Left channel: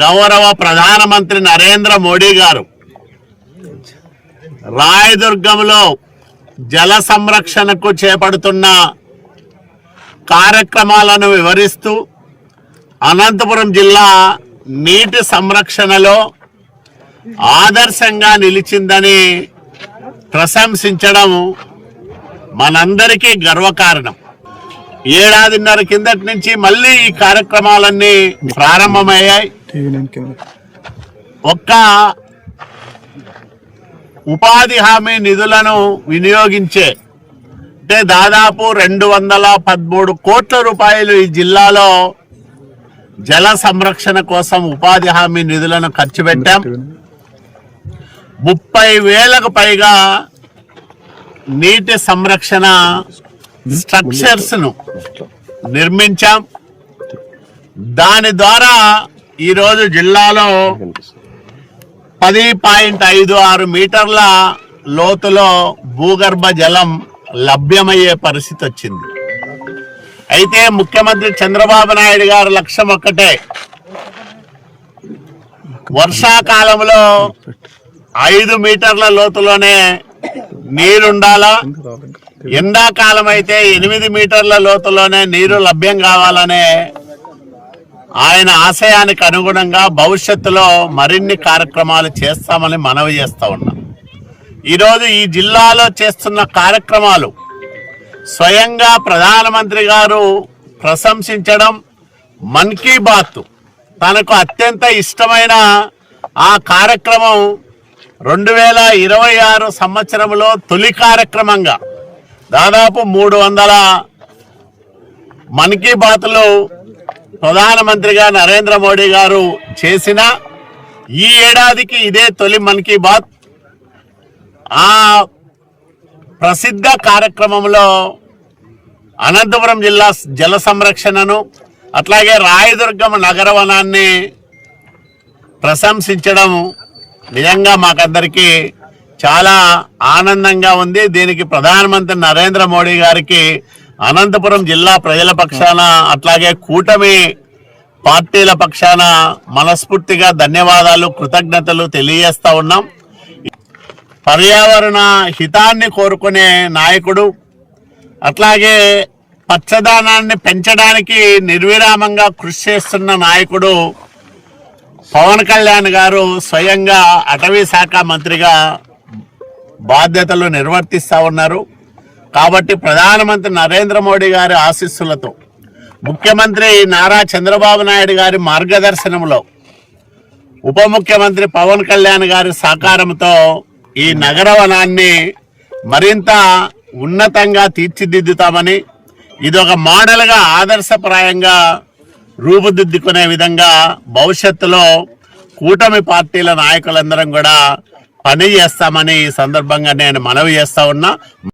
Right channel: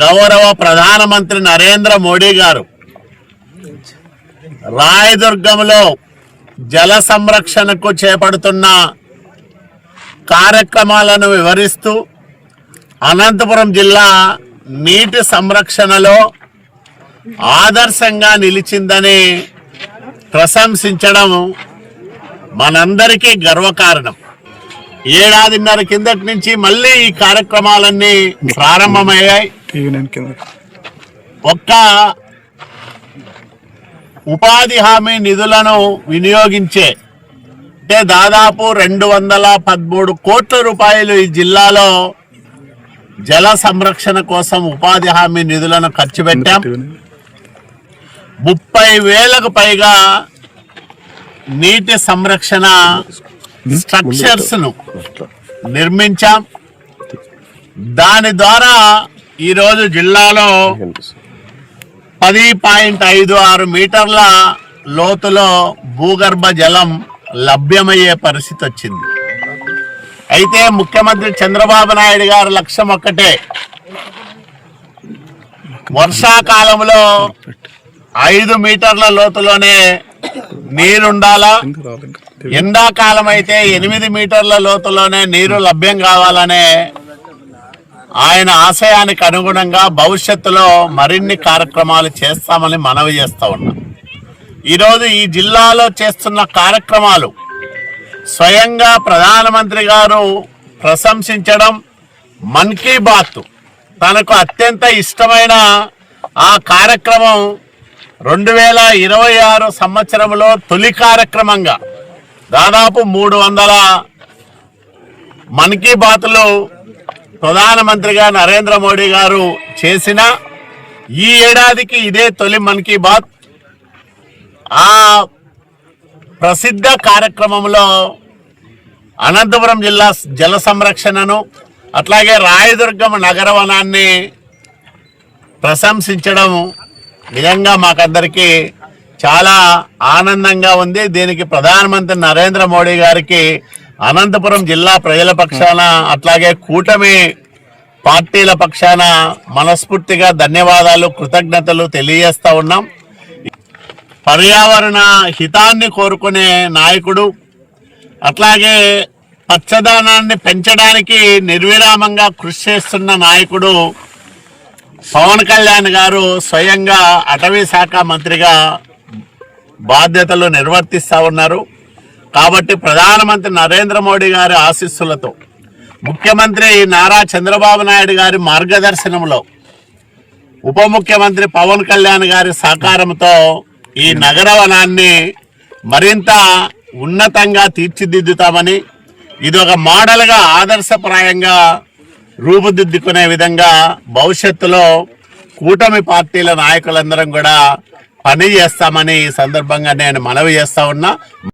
గౌరవ ప్రధానమంత్రి నరేంద్ర మోడీ గారు. రాయదుర్గంలో జల సంరక్షణకు చేపడుతున్న కార్యక్రమాలను వివరిస్తూ అనంతపురం జిల్లా నీటి సంరక్షణలో ఆదర్శంగా నిలిచిందని ప్రశంసించడం మనందరికీ గర్వకారణం. ఏడాదిన్నర కిందటి నుంచి మళ్ళీ ఈ కార్యక్రమాలన్నీ ప్రారంభమయ్యాయి. ఒక్క ఉపాధి హామీ నిధులను వినియోగించే అంటే దాదాపు రెండు వందల పదమూడు కోట్ల రూపాయలు ఈ జిల్లాలో జల సంరక్షణ కోసం ఉపాధి హామీ నిధులను ఖర్చు పెట్టాం. ముప్పై వేలకు పైగా నీటి సంరక్షణ స్ట్రక్చర్స్ను నిర్మించాం. దాని ద్వారా ఈరోజు జిల్లాలో పది పాయింట్ ఐదు ఆరు మీటర్ల లోతులో భూగర్భ జలం లభ్యమయ్యే పరిస్థితి వచ్చింది. అయితే ముఖ్యమంత్రి చంద్రబాబు నాయుడు గారి లక్ష్యం ఒక్కటే. వర్షాకాలంలో ఐదు మీటర్ల లోతులోనే నీరుండాలా. ఎండాకాలం అయితే ఎనిమిది మీటర్ల లోతులోనే నీరు లభ్యం కావాలనే ఆయన ఆశయానికి అనుగుణంగా భవిష్యత్తులో మరిన్ని కార్యక్రమాలు చేస్తామని మనవి చేస్తా ఉన్నాం. ఈరోజు ఈ జిల్లాలో చేస్తున్న కార్యక్రమాలు స్వయంగా ప్రధానమంత్రి గారు ప్రశంసించడం మన్ కీ బాత్. తనకు అత్యంత ఇష్టమైన ఆ కార్యక్రమం రెండు వేల ఇరవై ఆరు సంవత్సరంలో తొలి కార్యక్రమంగా దాదాపు మూడు వందల మన్ కీ బాత్లు ప్రధానమంత్రిగా నరేంద్ర మోడీ గారు చేసిన ఈ ఏడాదికి ఇదే తొలి మన్ కీ బాత్. ఆ ప్రసిద్ధ కార్యక్రమంలో అనంతపురం జిల్లా జల సంరక్షణను అట్లాగే రాయదుర్గం నగరవనాన్ని ప్రశంసించడం నిజంగా మాకందరికీ చాలా ఆనందంగా ఉంది. దీనికి ప్రధానమంత్రి నరేంద్ర మోడీ గారికి అనంతపురం జిల్లా ప్రజల పక్షాన అట్లాగే కూటమి పార్టీల పక్షాన మనస్ఫూర్తిగా ధన్యవాదాలు కృతజ్ఞతలు తెలియజేస్తా ఉన్నాం. పర్యావరణ హితాన్ని కోరుకునే నాయకుడు అట్లాగే పచ్చదనాన్ని పెంచడానికి నిర్విరామంగా కృషి చేస్తున్న నాయకుడు పవన్ కళ్యాణ్ గారు స్వయంగా అటవీ శాఖ మంత్రిగా బాధ్యతలు నిర్వర్తిస్తూ ఉన్నారు. కాబట్టి ప్రధానమంత్రి నరేంద్ర మోడీ గారి ఆశీస్సులతో ముఖ్యమంత్రి నారా చంద్రబాబు నాయుడు గారి మార్గదర్శనంలో ఉప ముఖ్యమంత్రి పవన్ కళ్యాణ్ గారి సహకారంతో ఈ నగరవనాన్ని మరింత ఉన్నతంగా తీర్చిదిద్దుతామని ఇది ఒక మోడల్గా ఆదర్శప్రాయంగా రూపుదిద్దుకునే విధంగా భవిష్యత్తులో కూటమి పార్టీల నాయకులందరం కూడా పని చేస్తామని ఈ సందర్భంగా నేను మనవి చేస్తా ఉన్నా.